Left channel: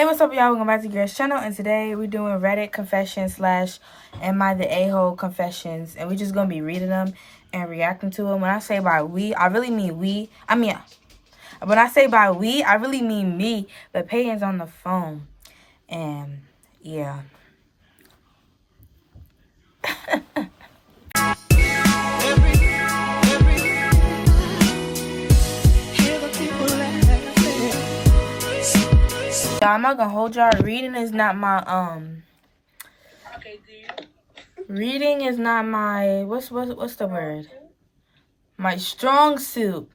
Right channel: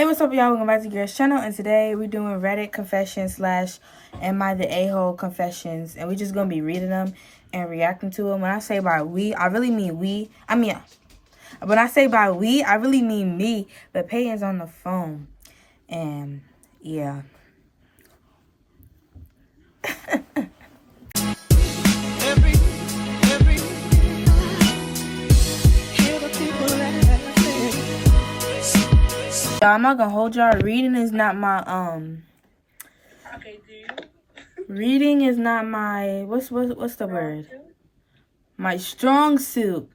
Hey, what's up, y'all? Welcome back to Girls Channel, and today we're doing Reddit confessions / Am I the A-hole confessions, and we're just gonna be reading them and reacting to them. When I say by we, I really mean we. When I say by we, I really mean me. But Peyton's on the phone, and yeah. I'm not gonna hold y'all. Reading is not my Okay, do you? Reading is not my what's the word? My strong suit.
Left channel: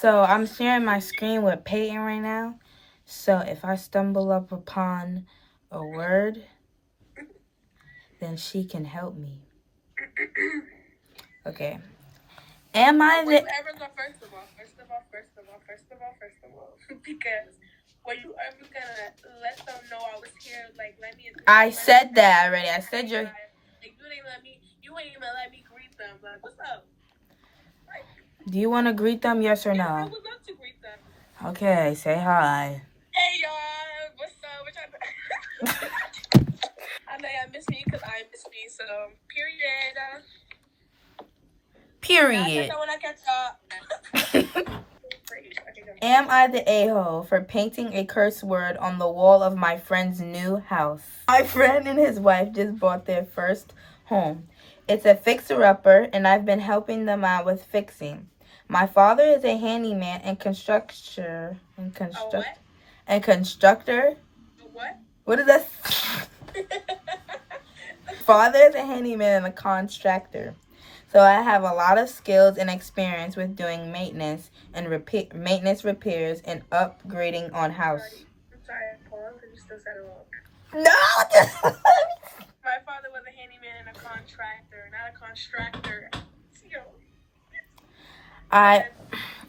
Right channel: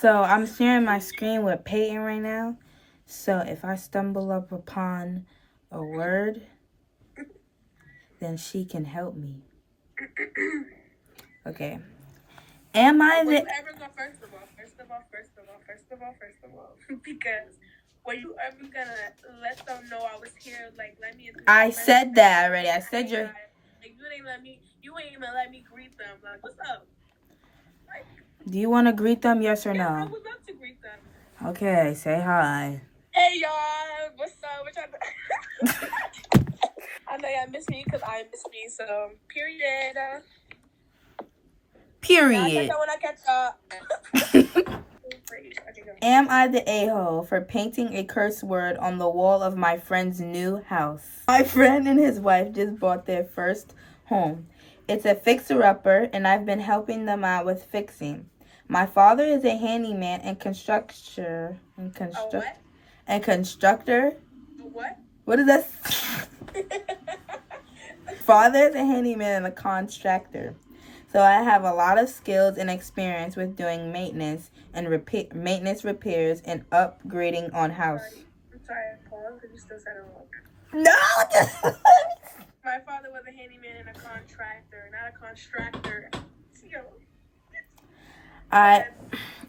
So I'm sharing my screen with Peyton right now. So if I stumble up upon a word, then she can help me. Okay. Am I Will you the... ever go first of all? Because were you ever gonna let them know I was here? Like, let me. I said that already. I said you're... Like, you ain't even let me greet them. Like, what's up? Like, Do you want to greet them, yes or I no? would love to greet them. Okay, say hi. Hey, y'all. What's up? What y'all doing? I know y'all miss me because I miss me. So, period. Period. When I catch up. Am I the a-hole for painting a curse word on the wall of my friend's new house? My friend and his wife just bought their first home. It's a fixer-upper, and I've been helping them out with fixing. My father is a handyman and constructor. What? What is that? Father is a handyman and a contractor. So I have a lot of skills and experience with doing maintenance and repairs and upgrading on house. I'm sorry, I paused because you still said it wrong. No! My father was a handyman and a contractor, not a constructor. I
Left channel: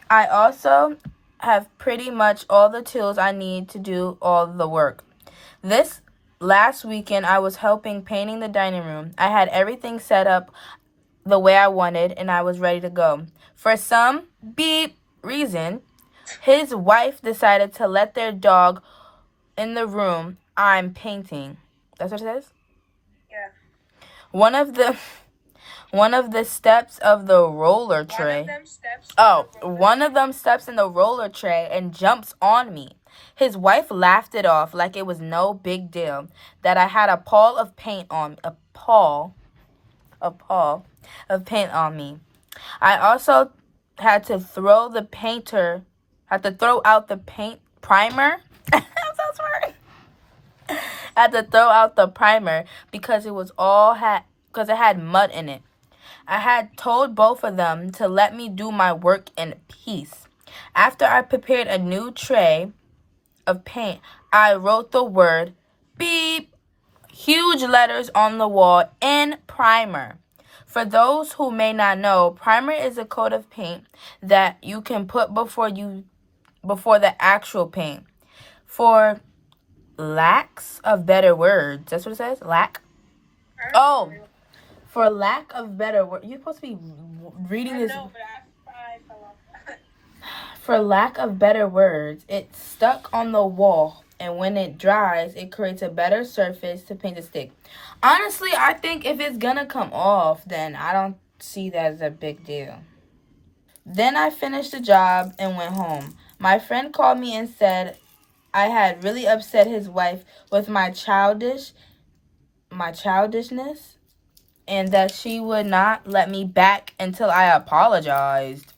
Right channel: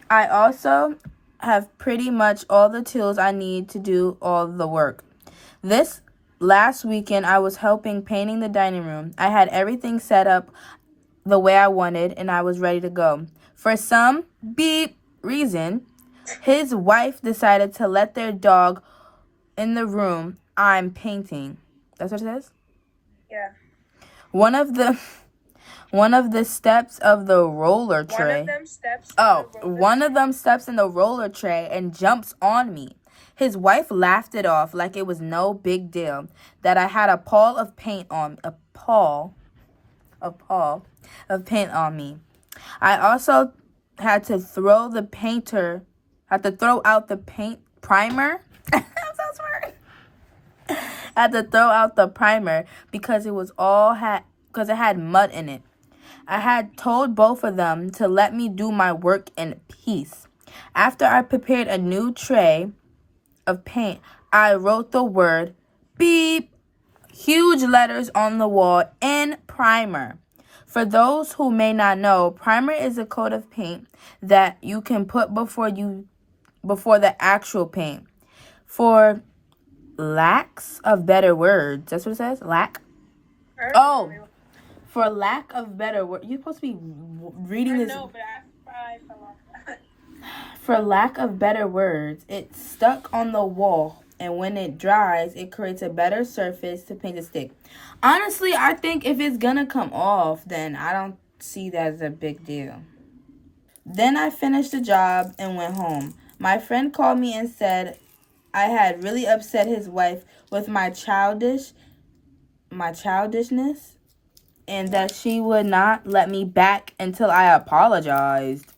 also have pretty much all the tools I need to do all the work. This last weekend, I was helping painting the dining room. I had everything set up the way I wanted, and I was ready to go. For some beep reason, his wife decided to let their dog in the room I'm painting. That's what it says? Yeah. One of the steps of the roller tray. One of them steps in the roller tray and jumps on me. His wife laughed it off like it was no big deal that I had a pall of paint on me. I also had to throw out the paint primer. I'm so sorry. Had to throw out the primer because it had mud in it. I had told both of them to let me do my work in peace. After I prepared a new tray of paint, I wrote the word beep, huge letters on the wall in primer. For those who may not know, primer is a coat of paint that you can put before the actual paint. For lacks of better words, that's what it says? Lack? Oh, for lack of better words, you're supposed to be reading this. I know, but I fell off. For lack of better words, it's stuck on the wall, and when it dries, it creates a better surface to paint a stick. Honestly, I think if it's gonna come off, then I don't see that as a big deal. Then I finished the job and went home. My friend called me and said I had really upset his wife with my childishness, and that she would not let me back until I apologized.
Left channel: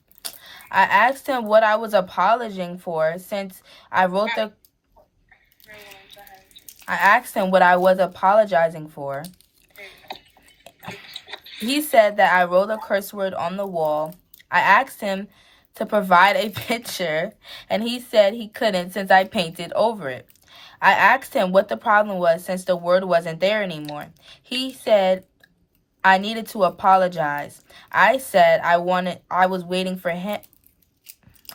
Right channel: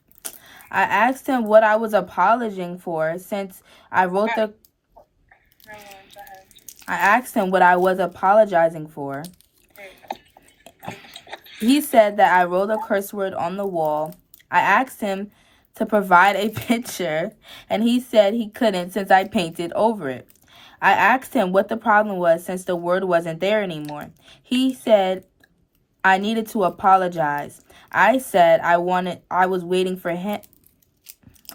I asked him what I was apologizing for since I wrote the... I asked him what I was apologizing for. He said that I wrote a curse word on the wall. I asked him to provide a picture, and he said he couldn't since I painted over it. I asked him what the problem was since the word wasn't there anymore. He said I needed to apologize. I said I was waiting for him.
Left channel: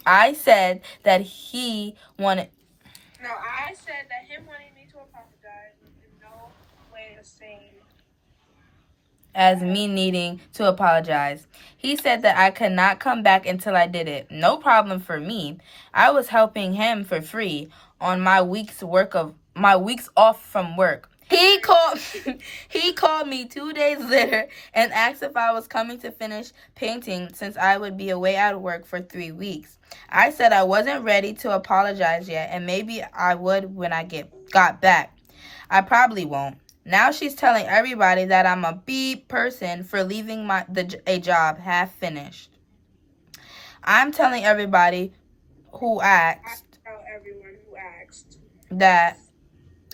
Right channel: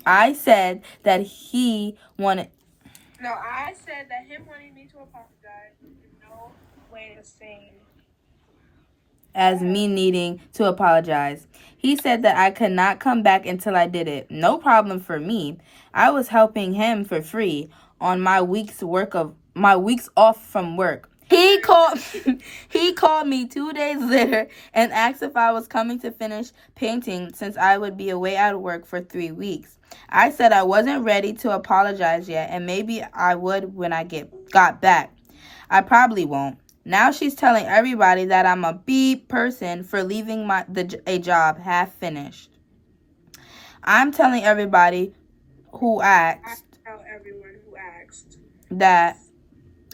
I said that he wanted... No, I said that him wanting me to apologize was in no way the same as me needing to apologize. He said that I could not come back until I did it. No problem for me. I was helping him for free on my week's work of my weeks off from work. He called me 2 days later and asked if I was coming to finish painting since I would be away at work for 3 weeks. I said I wasn't ready to apologize yet, and maybe I would when I got back. I probably won't. Now she's telling everybody that I'm a beep person for leaving a job half finished. I'm telling everybody who asked that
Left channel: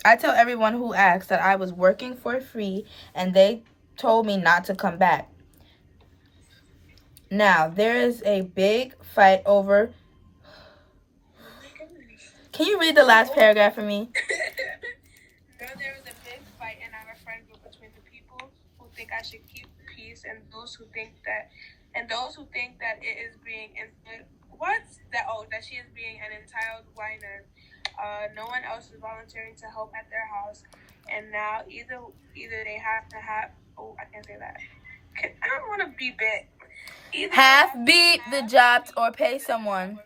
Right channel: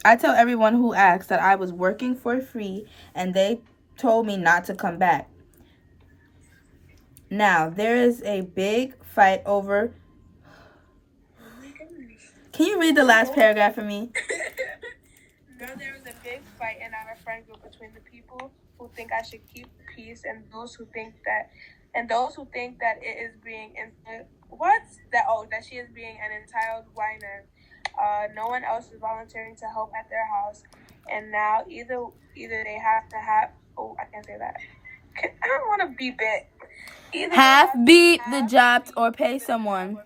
I was working for free and they told me not to come back. Now, there is a big fight over... Can you read the last paragraph for me? Now there is a big fight in our friend group between the people who think I should keep peace and those who think that it is being that she is being an entitled whiner. No one else is volunteering to help at their house, and now either they have to have. Oh, I can't say that. I don't want to beep it. Half beat the job or pay someone.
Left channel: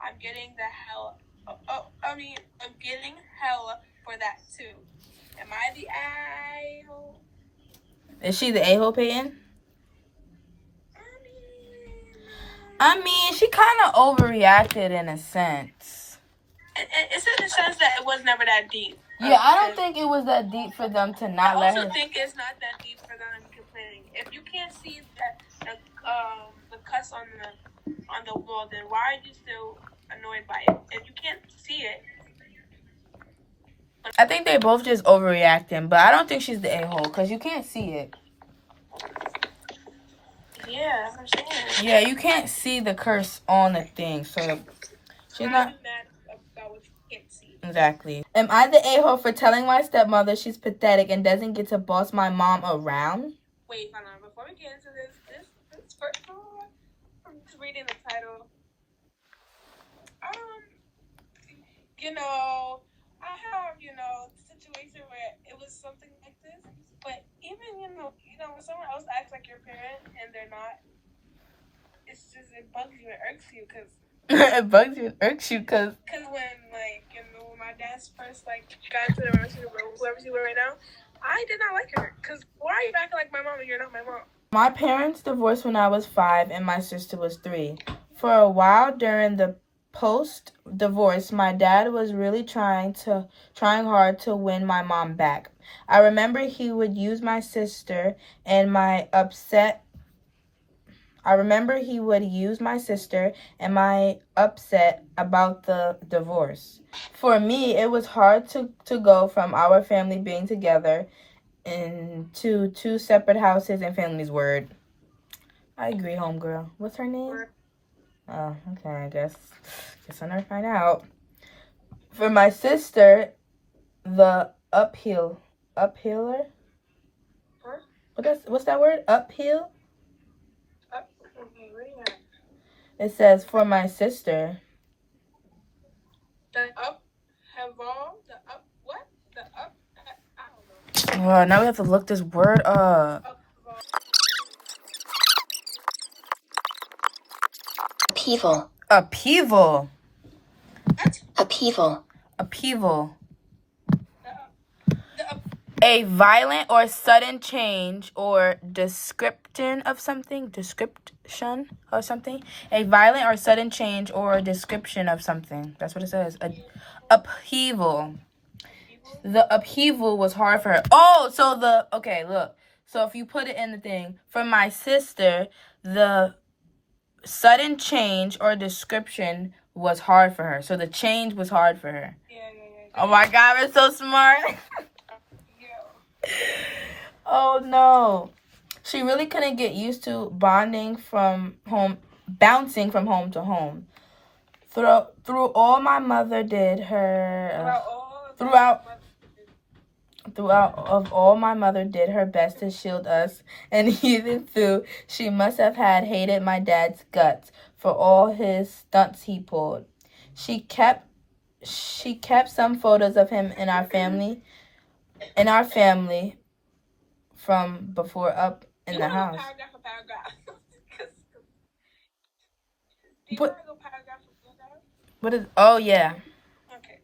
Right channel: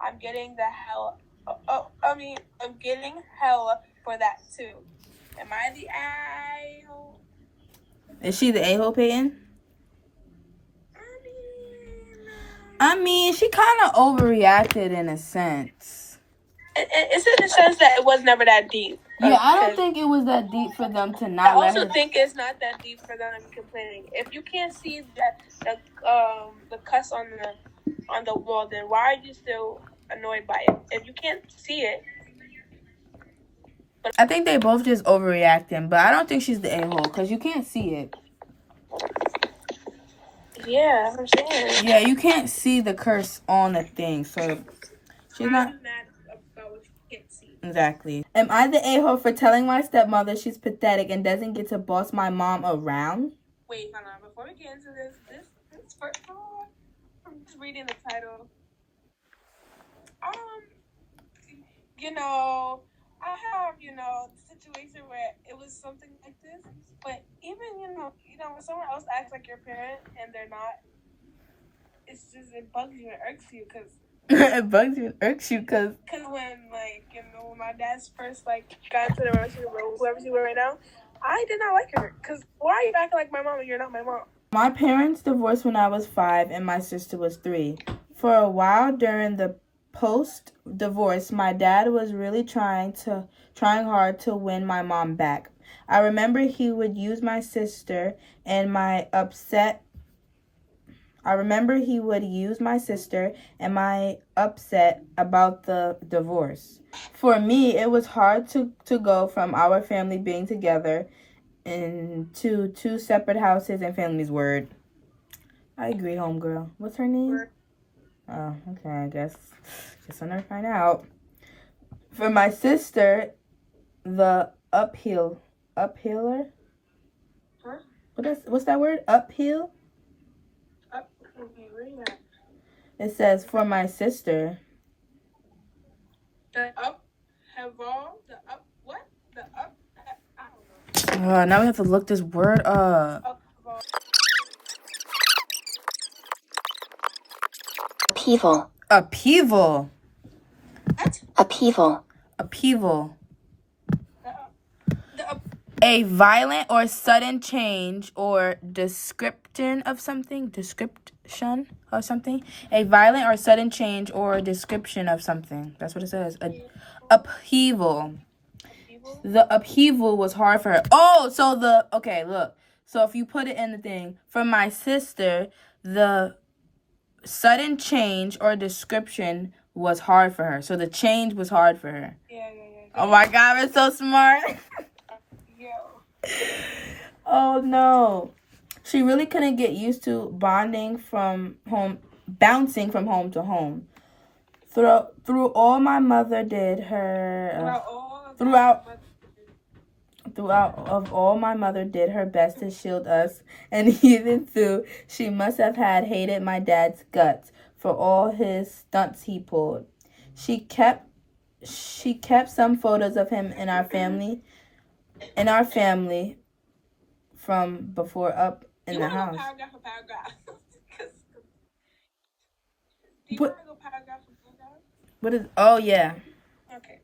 I'm getting the hell. I'm getting hell for that too. Am I the a-hole? Is she the a-hole, Peyton? I mean, she kind of overreacted in a sense. It's in the sense that it was never that deep. Yeah, I don't think it was that deep for them to not let her. I also think it's not that deep for them to be complaining. If you can't see the cuss on the wall, then why are you still annoyed by it? If you can't see it. I think they both just overreacting, but I don't think she's the a-hole because you can't see it. Yeah, I'm saying. Yeah, you can't see the curse on the thing, so she's not mad about what you can't see. Exactly. Am I the a-hole for telling my stepmother she's pathetic and doesn't get to boss my mom around? Wait, hold on. Before we get into this first, I'm just reading the title. I have, the situation where it was something like this, but even, when someone else acts like your parent and they're not, it bugs you and irks you, because... It bugs you and irks you, because... Because when, when my dad's first, got into the relationship with whoever she's with right now, I did not like her, because why are you acting like my mom and you're not my mom? My parents divorced when I was 5 and my sister was 3. For a while during the post-divorce, my dad was really trying hard to win my mom back. I remember he would use my sister and my upset about the divorce. For me, it was hard to go from our family being together into 2 separate houses and families. Word. I agree, homegirl. What's her name? Oh, okay, I guess I'll never find out. For my sister, the uphiller? Huh? What's that word? Uphill? Okay, where you at? It says, for my sister. The up have all, the up, what? The up, I don't know. Oh, now we have to look this word up. Upheaval. Upheaval. What? Upheaval. A violent or sudden change or description of something. Description of something. A violent or sudden change or description of something. That's what it says. Upheaval. The upheaval was hard for her. Oh, okay, look. So if you put it in the thing, for my sister, the sudden change or description was hard for her. So the change was hard for her. Yeah. Oh my God, we're so smart. Oh no. She really couldn't get used to bouncing from home to home. Throughout all my mother did her best to shield us, and even though she must have hated my dad's guts for all his stunts he pulled. She kept some photos of him in our family from before up in the house. Paragraph for paragraph. What is? Oh yeah. Okay.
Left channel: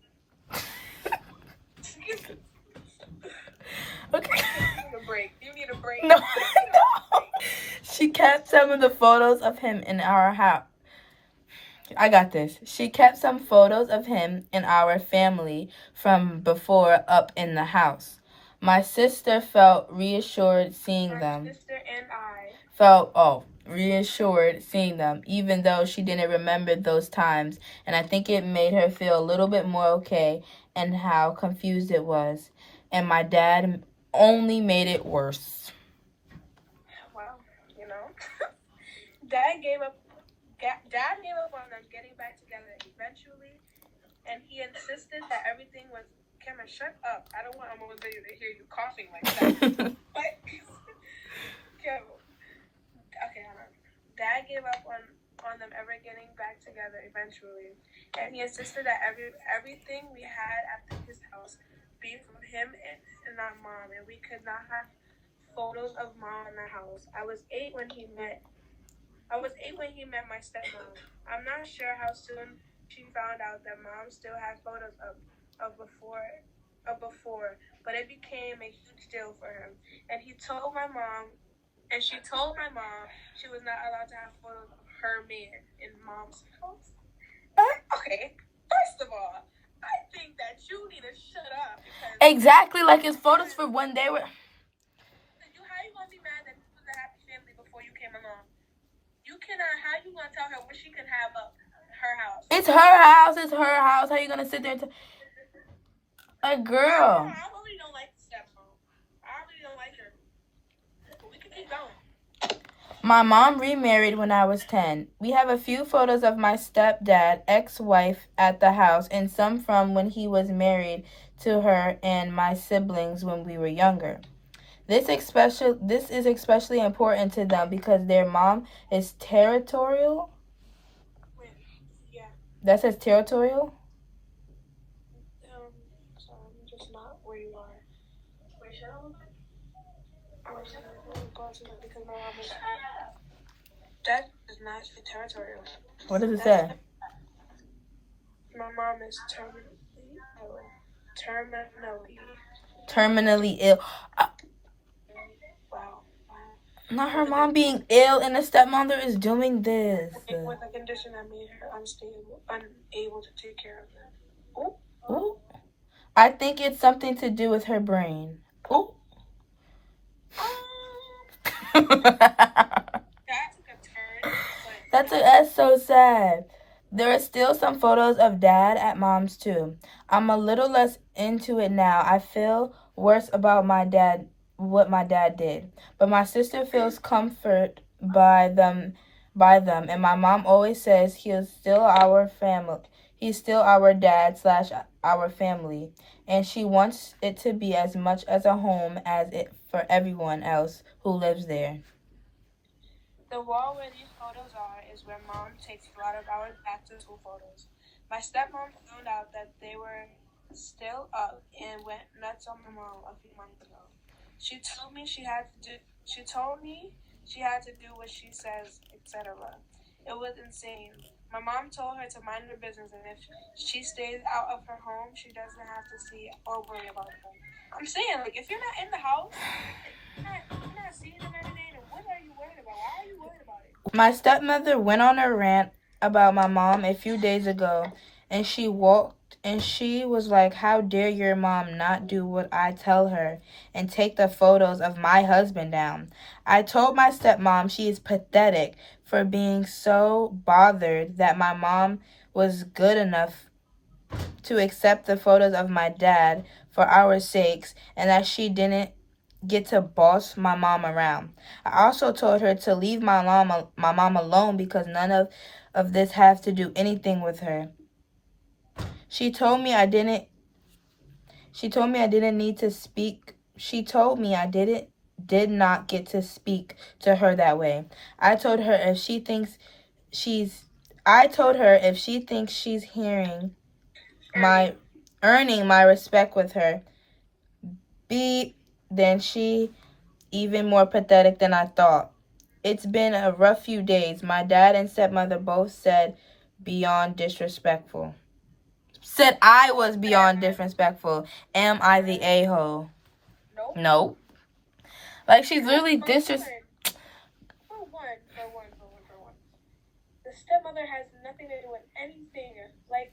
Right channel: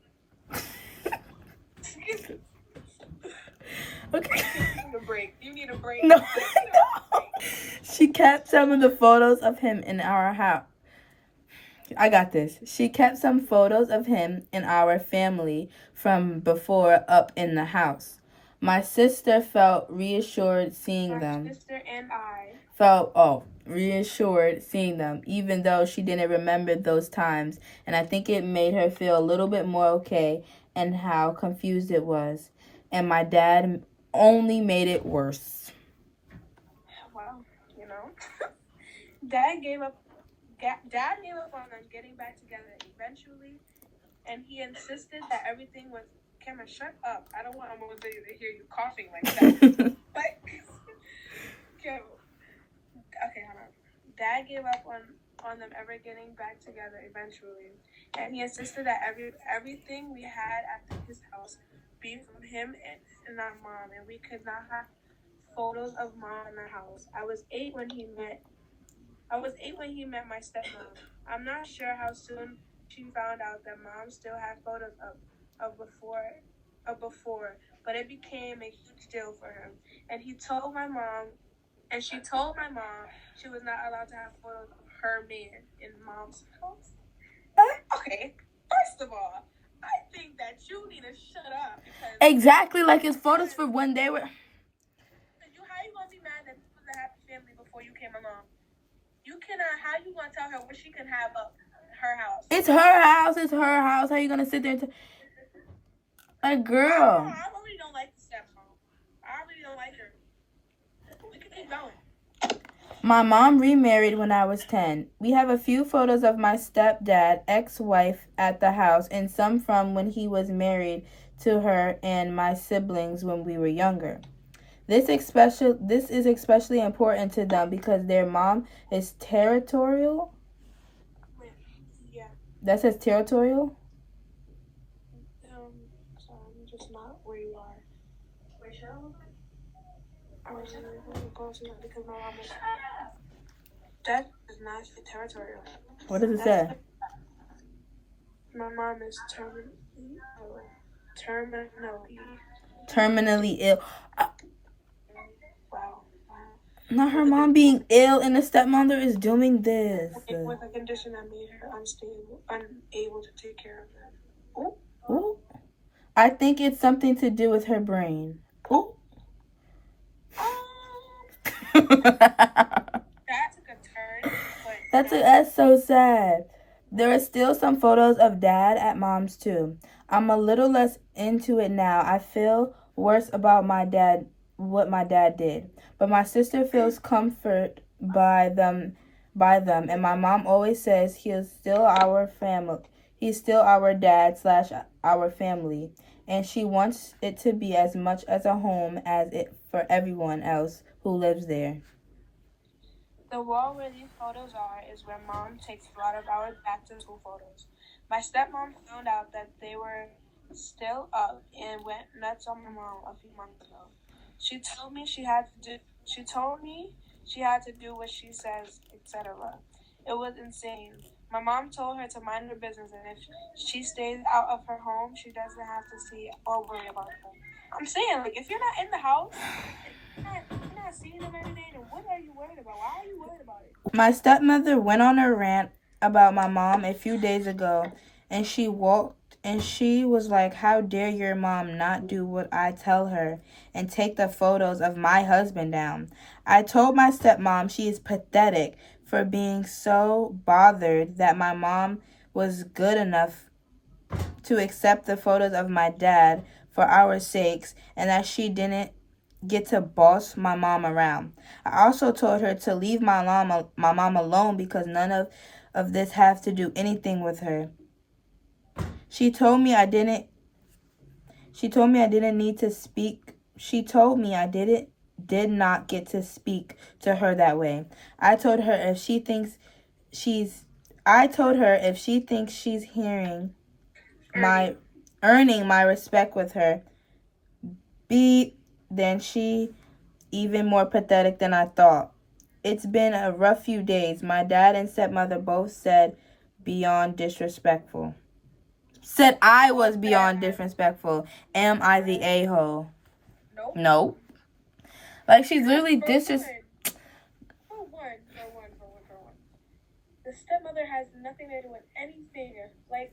need a break. No, no. She kept some of the photos of him in our house. I got this. She kept some photos of him and our family from before up in the house. My sister felt reassured seeing them. My sister and I Reassured seeing them, even though she didn't remember those times. And I think it made her feel a little bit more okay and how confused it was. And my dad only made it worse. Well, you know, Dad gave up on them getting back together eventually, and he insisted that everything was. Cameron, shut up! I don't want Amanda to hear you coughing like that. Like, okay, hold on. Dad gave up on them ever getting back together eventually, and he insisted that everything we had at his house be from him and our mom, and we could not have photos of mom in the house. I was 8 when he met my stepmom. I'm not sure how soon she found out that mom still had photos of before, but it became a huge deal for him. And she told my mom she was not allowed to have photos of her man in mom's house. Okay, first of all, I think that you need to shut up. Exactly, like his photos for when they were. How you gonna be mad that this was a happy family before you came along? You cannot. How you gonna tell her what she can have up her house? It's her house. It's her house. How you gonna sit there and a girl? I really don't like the stepmom. I really don't like her. We can keep going. My mom remarried when I was 10. We have a few photos of my stepdad, ex-wife at the house, and some from when he was married to her and my siblings when we were younger. This is especially important to them because their mom is territorial. Yeah. That says territorial? So I'm just not where you are. Where should I look? Because my mom is. That does not say territorial. What does it say? My mom is terminally ill. Wow. Not her mom being ill and the stepmother is doing this. With a condition that made her unable to take care of them. Ooh. I think it's something to do with her brain. Ooh. That's so sad. There are still some photos of dad at mom's too. I'm a little less into it now. I feel worse about what my dad did. But my sister feels comfort by them, and my mom always says he's still our family. He's still our dad / our family, and she wants it to be as much as a home as it for everyone else who lives there. The wall where these photos are is where mom takes a lot of our back to school photos. My stepmom found out that they were still up and went nuts on my mom a few months ago. She told me she had to do what she says, etc. It was insane. My mom told her to mind her business, and if she stays out of her home, she doesn't have to see or worry about them. I'm saying, like, if you're not in the house, you're not seeing them every day, then what are you worried about? Why are you worried about it? My stepmother went on a rant about my mom a few days ago, and she was like, how dare your mom not do what I tell her and take the photos of my husband down. I told my stepmom she is pathetic for being so bothered that my mom was good enough to accept the photos of my dad for our sakes and that she didn't get to boss my mom around. I also told her to leave my mom alone because none of this has to do anything with her. She told me I didn't need to speak. She told me I did not get to speak to her that way. I told her if she thinks she's earning my respect with her, then she even more pathetic than I thought. It's been a rough few days. My dad and stepmother both said beyond disrespectful. Said I was beyond disrespectful. Am I the a-hole? Nope. Nope. Like, she's literally disrespectful. For one. The stepmother has nothing to do with anything. Like.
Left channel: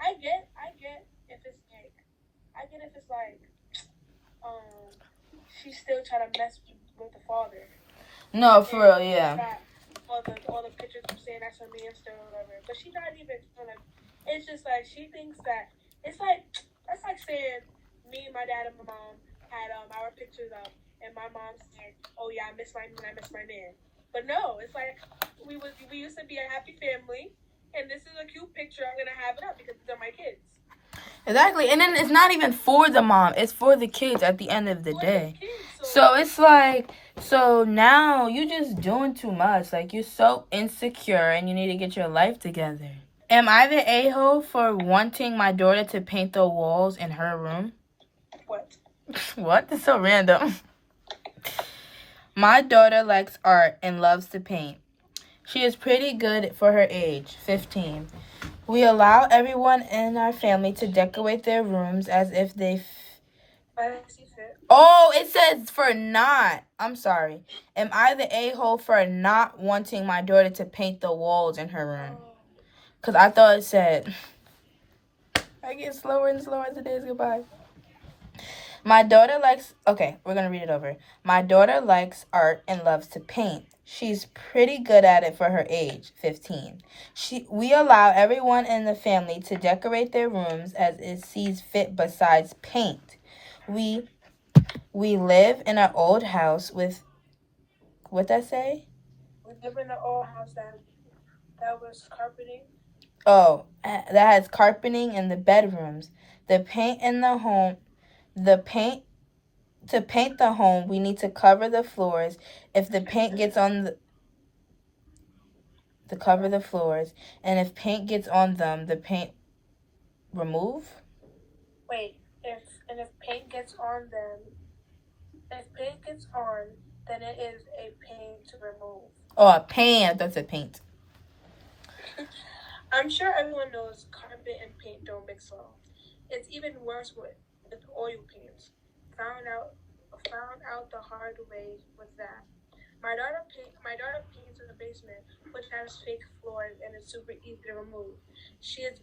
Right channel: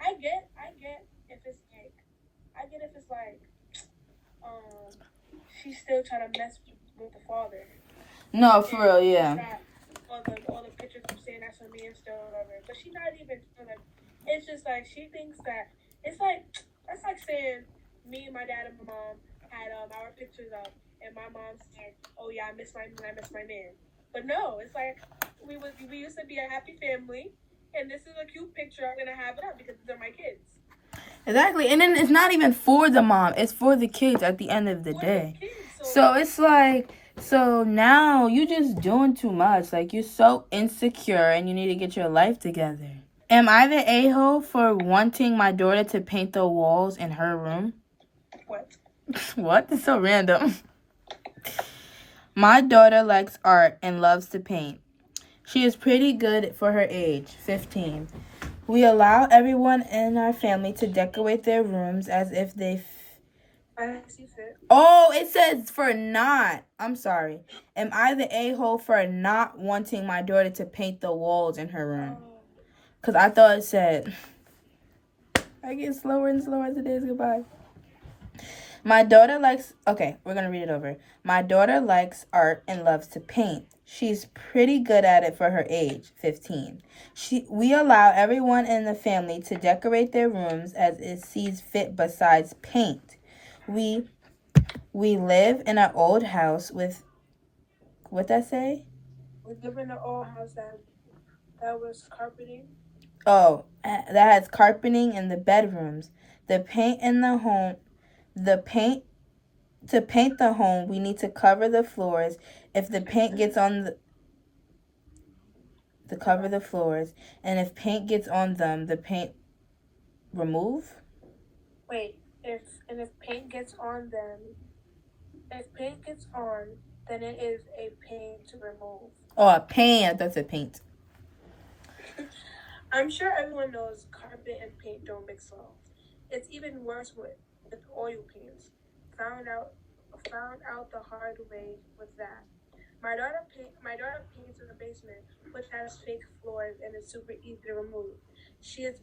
I get if it's like, she's still trying to mess with the father. No, for real, yeah. All the pictures of saying that's her man still or whatever. But she's not even like, it's just like she thinks that it's like, that's like saying me and my dad and my mom had our pictures up and my mom said, oh yeah, I miss my man. But no, it's like we used to be a happy family and this is a cute picture. I'm gonna have it up because these are my kids. Exactly. And then it's not even for the mom. It's for the kids at the end of the day. So it's like, so now you're just doing too much. Like, you're so insecure and you need to get your life together. Am I the a-hole for wanting my daughter to paint the walls in her room? What? What? That's so random. My daughter likes art and loves to paint. She is pretty good for her age, 15. We allow everyone in our family to decorate their rooms as if they... Oh, it says for not. I'm sorry. Am I the a-hole for not wanting my daughter to paint the walls in her room? Because I thought it said... I get slower and slower as the days go by. My daughter likes... Okay, we're going to read it over. My daughter likes art and loves to paint. She's pretty good at it for her age, 15. We allow everyone in the family to decorate their rooms as it sees fit besides paint. We live in an old house with... What'd that say? We live in an old house that was carpeting. Oh, that has carpeting in the bedrooms. To paint the home, we need to cover the floors. If the paint gets on the cover the floors, and if paint gets on them, the paint remove. Wait, if paint gets on them, then it is a paint to remove. Oh, a paint. That's a paint. I'm sure everyone knows carpet and paint don't mix well. It's even worse with oil paints. Found out the hard way with that. My daughter paints in the basement, which has fake floors and is super easy to remove. She is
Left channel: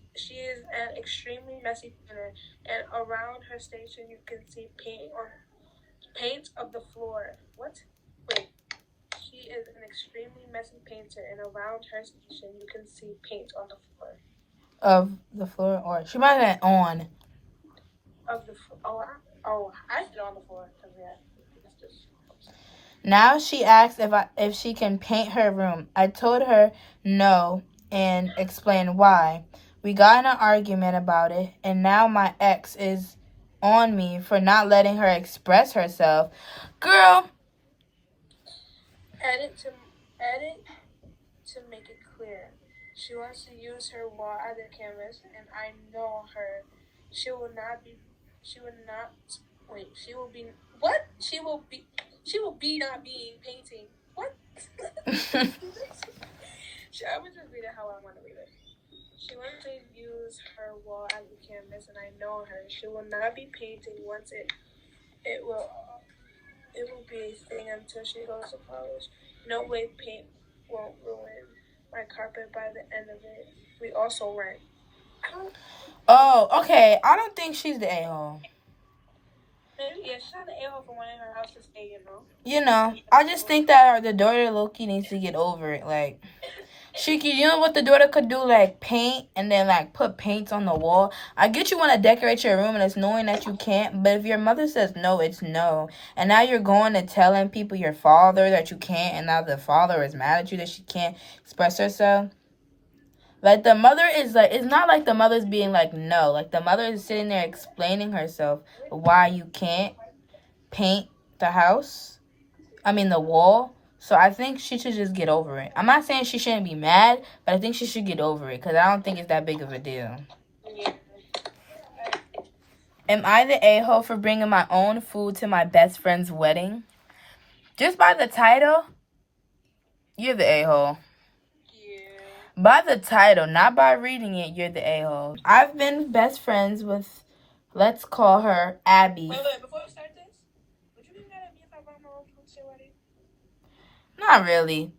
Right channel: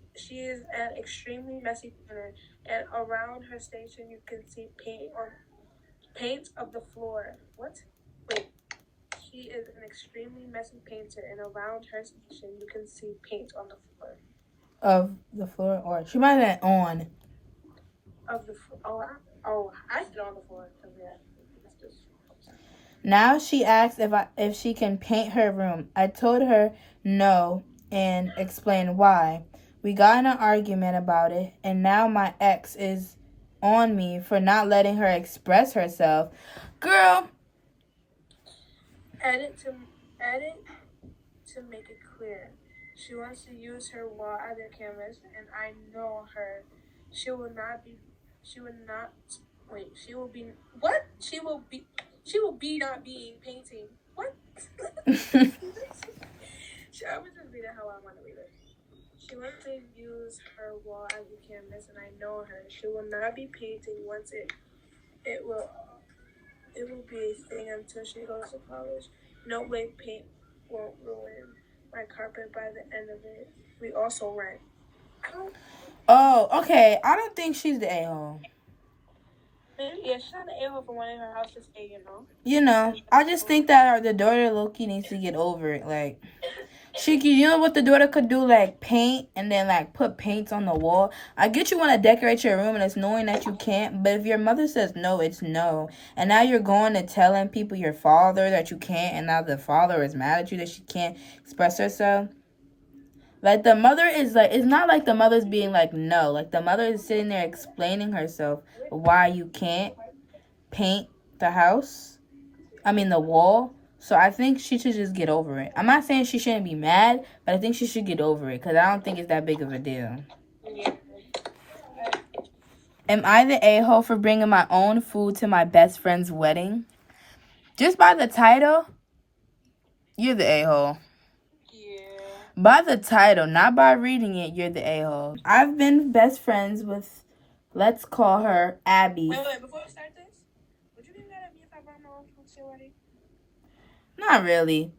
an extremely messy painter, and around her station you can see paint of the floor. What? Wait. She is an extremely messy painter, and around her station you can see paint on the floor. Of the floor, or she might have on. Of the I said on the floor because yeah. Now she asks if she can paint her room. I told her no and explained why. We got in an argument about it, and now my ex is on me for not letting her express herself. Girl. Edit to make it clear. She wants to use her wall as a canvas, and I know her. She will be not being painting. What? I was just reading how I want to read it. She wants to use her wall as a canvas, and I know her. She will not be painting once it will be a thing until she goes to college. No way paint won't ruin my carpet by the end of it. We also rent. Oh, okay. I don't think she's the a-hole. Yeah, she's not the a-hole for wanting her house to stay, I just think that the daughter Loki needs to get over it. Like, you know what the daughter could do? Like, paint and then, like, put paints on the wall. I get you want to decorate your room and it's knowing that you can't. But if your mother says no, it's no. And now you're going to telling people your father that you can't. And now the father is mad at you that she can't express herself. Like, the mother is, like, it's not like the mother's being, like, no. Like, the mother is sitting there explaining herself why you can't paint the the wall. So I think she should just get over it. I'm not saying she shouldn't be mad, but I think she should get over it because I don't think it's that big of a deal. Am I the a-hole for bringing my own food to my best friend's wedding? Just by the title, you're the a-hole. By the title, not by reading it, you're the a-hole. I've been best friends with, let's call her Abby. Wait, before we start this, would you think that your wedding? Not really.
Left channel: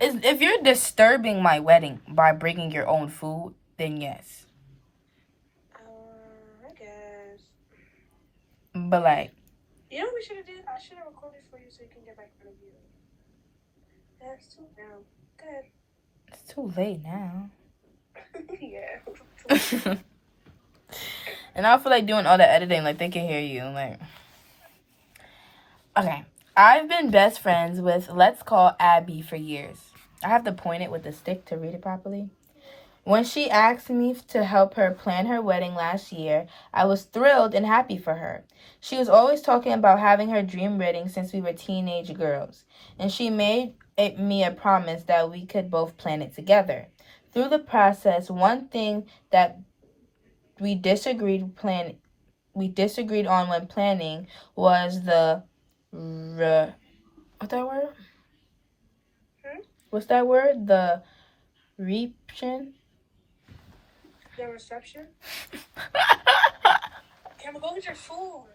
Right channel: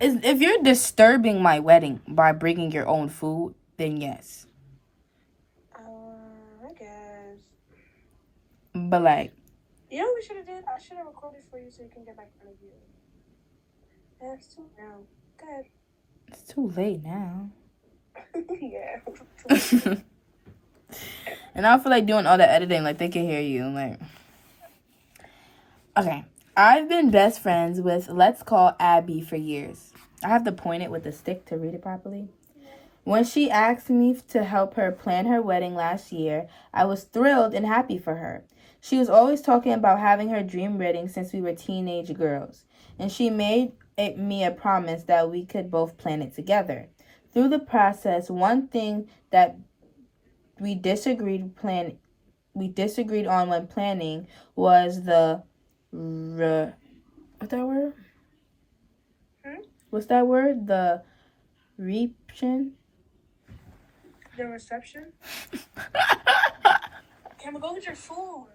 Okay. If you're disturbing my wedding by bringing your own food, then yes. I guess. But like, you know what we should have did? I should have recorded for you so you can get back in the view. That's too now. Good. it's too late now. Yeah. And I don't feel like doing all the editing. Like, they can hear you. Like, okay. I've been best friends with, let's call Abby, for years. I have to point it with a stick to read it properly. When she asked me to help her plan her wedding last year, I was thrilled and happy for her. She was always talking about having her dream wedding since we were teenage girls, and she made me a promise that we could both plan it together. Through the process, one thing that we disagreed on when planning was the what's that word? What's that word? The reception. The reception? Can we go get your food?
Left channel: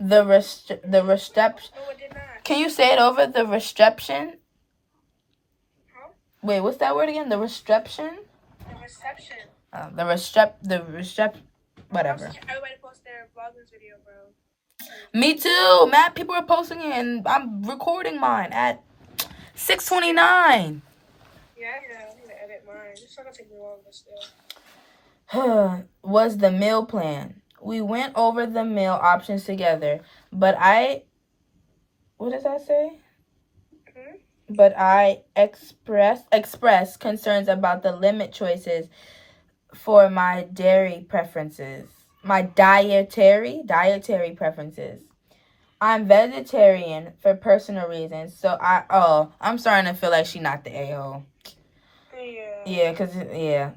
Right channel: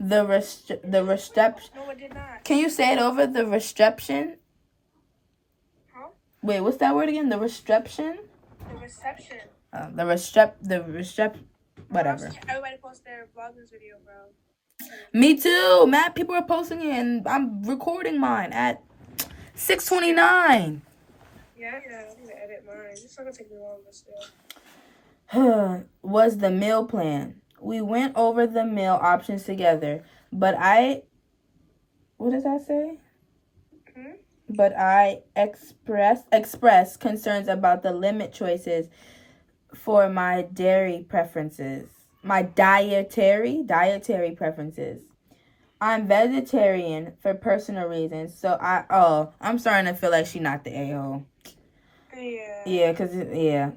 The reception. No, it did not. Can you say it over? The reception. Huh? Wait, what's that word again? The reception. The reception. Whatever. Everybody post their Vlogmass video, bro. Me too. Mad people are posting it, and I'm recording mine at 6:29. Yeah, I'm gonna edit mine. It's not gonna take me long, but still. Was the meal plan. We went over the meal options together, but what does that say? But I expressed concerns about the limit choices for my dietary preferences. I'm vegetarian for personal reasons, so I'm starting to feel like she's not the a-hole. Yeah,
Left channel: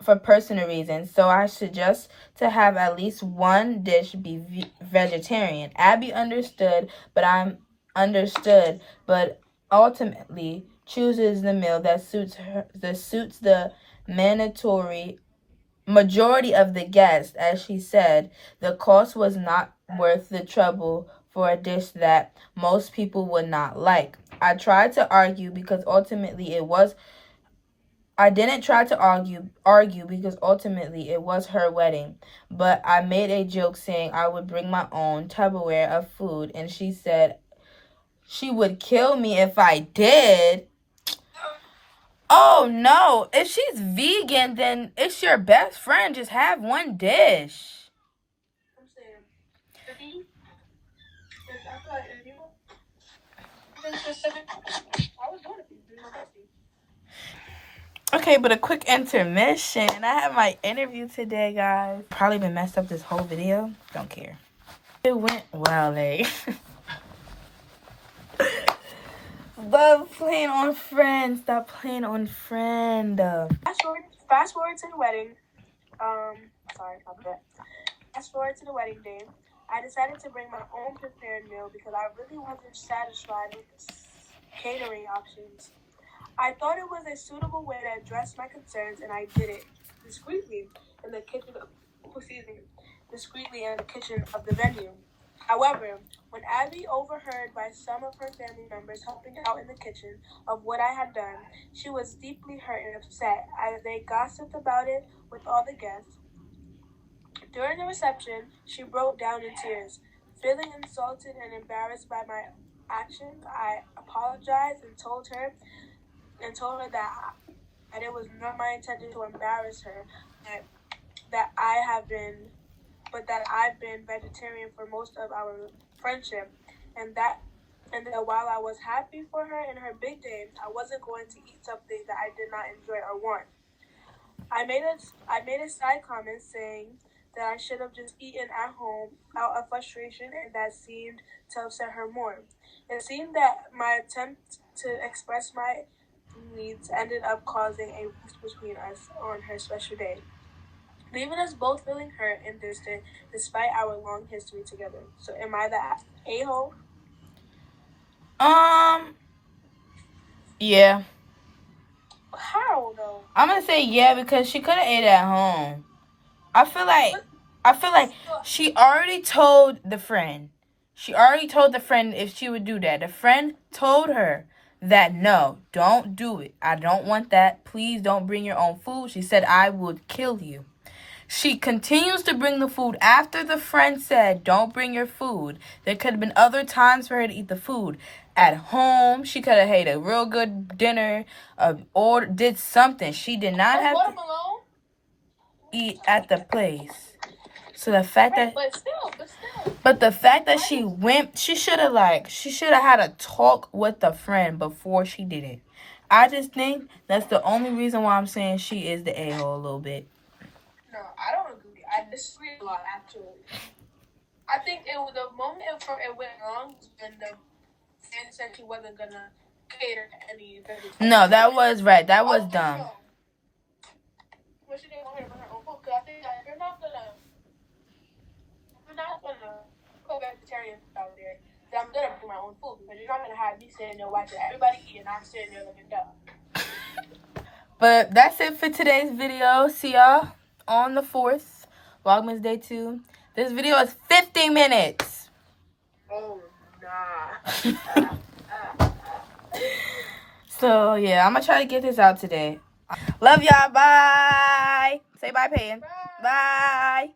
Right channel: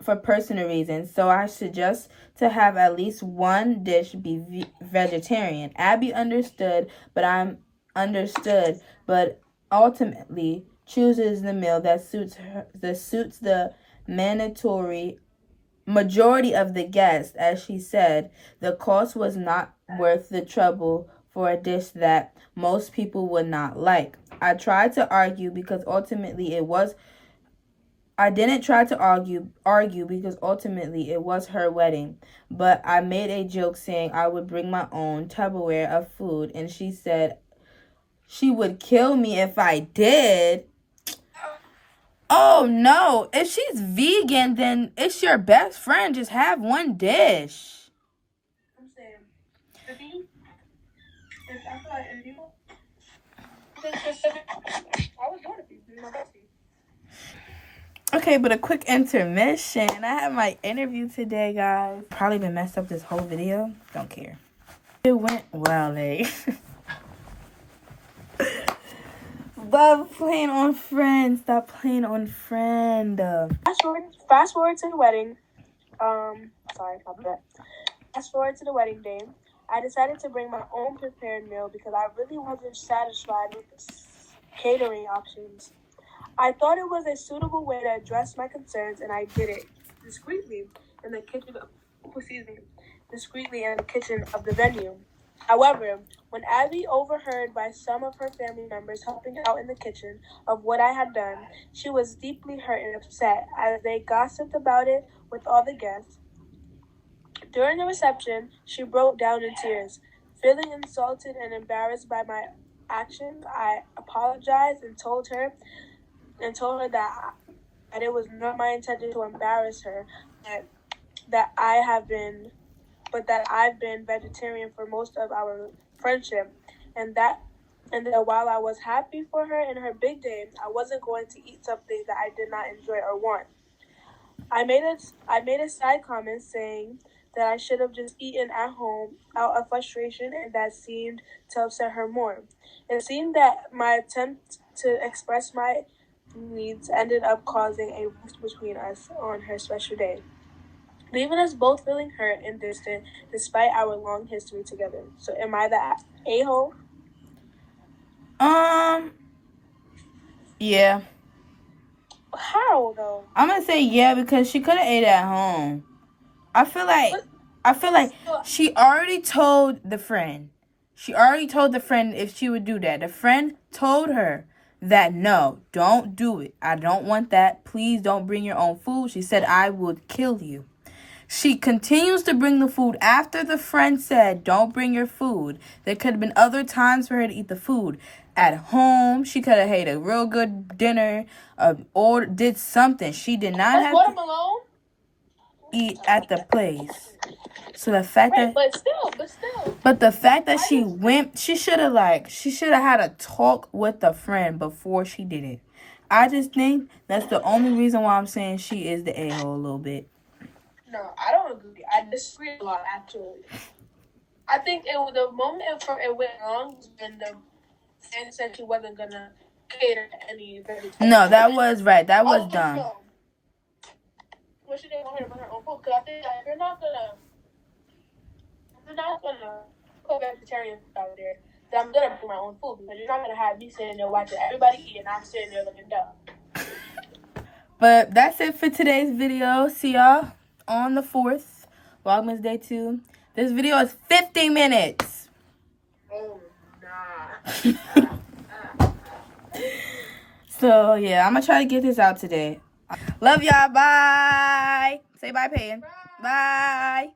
for personal reasons, so I suggest to have at least one dish be vegetarian. Abby understood, but ultimately chooses the meal that suits the mandatory majority of the guests. As she said, the cost was not worth the trouble for a dish that most people would not like. I tried to argue because ultimately it was I didn't try to argue because ultimately it was her wedding, but I made a joke saying I would bring my own Tupperware of food, and she said she would kill me if I did. Oh no, if she's vegan, then it's your best friend. Just have one dish. I'm saying, if you, I feel like if you think specific, I would want to be my bestie. Okay, but a quick intermission. I have my interview today, guys. Probably been messed up this whole video. Don't care. It went well, Stop playing on friend. Fast forward to the wedding. Sorry about that. Fast forward to the wedding day. I decided to bring my own prepared meal because I really wasn't satisfied with the catering options. I thought it was a suitable way to address my concerns, and I did it discreetly in the kitchen of the venue. However, when Abby overheard by some of her family members helping out in the kitchen of what I had done, she was deeply hurt and upset as they gossiped about it with all the guests. During the reception, she broke down in tears. Feeling insulted and embarrassed by my actions, I apologized and told her that it was not my intention to embarrass her, that I've been vegetarian for most of our friendship, and that while I was happy for her in her big day, I wasn't going to eat something that I did not enjoy or want. I made a side comment saying that I should have just eaten at home out of frustration, and that seemed to upset her more. It seemed that my attempt to express my needs ended up causing a rift between us on her special day, leaving us both feeling hurt and distant despite our long history together. So am I the a-hole? Yeah. How though? I'm gonna say yeah because she could have ate at home. I feel like she already told the friend. She already told the friend if she would do that. The friend told her that no, don't do it. I don't want that. Please don't bring your own food. She said, I would kill you. She continues to bring the food after the friend said, don't bring your food. There could have been other times for her to eat the food. At home, she could have had a real good dinner or did something. She did not have to eat at the place. So the fact that... But the fact that she went, she should have had a talk with the friend before she did it. I just think that's the only reason why I'm saying she is the a-hole a little bit. No, I don't agree. I disagree a lot, actually. I think the moment it went wrong was when the friend said she wasn't gonna cater to any vegetarian. No, that was right. That was dumb. Well, she didn't want her to bring her own food, because I think that you're not gonna put vegetarian out there. So I'm gonna bring my own food, because you're not gonna have me sitting there watching everybody eat and I'm sitting there looking dumb. But that's it for today's video. See y'all on the 4th, Vlogmass Day 2. This video is 50 minutes. Oh, nah. So, yeah, I'm going to try to get this out today. Love y'all. Bye. Say bye, Peyton. Bye.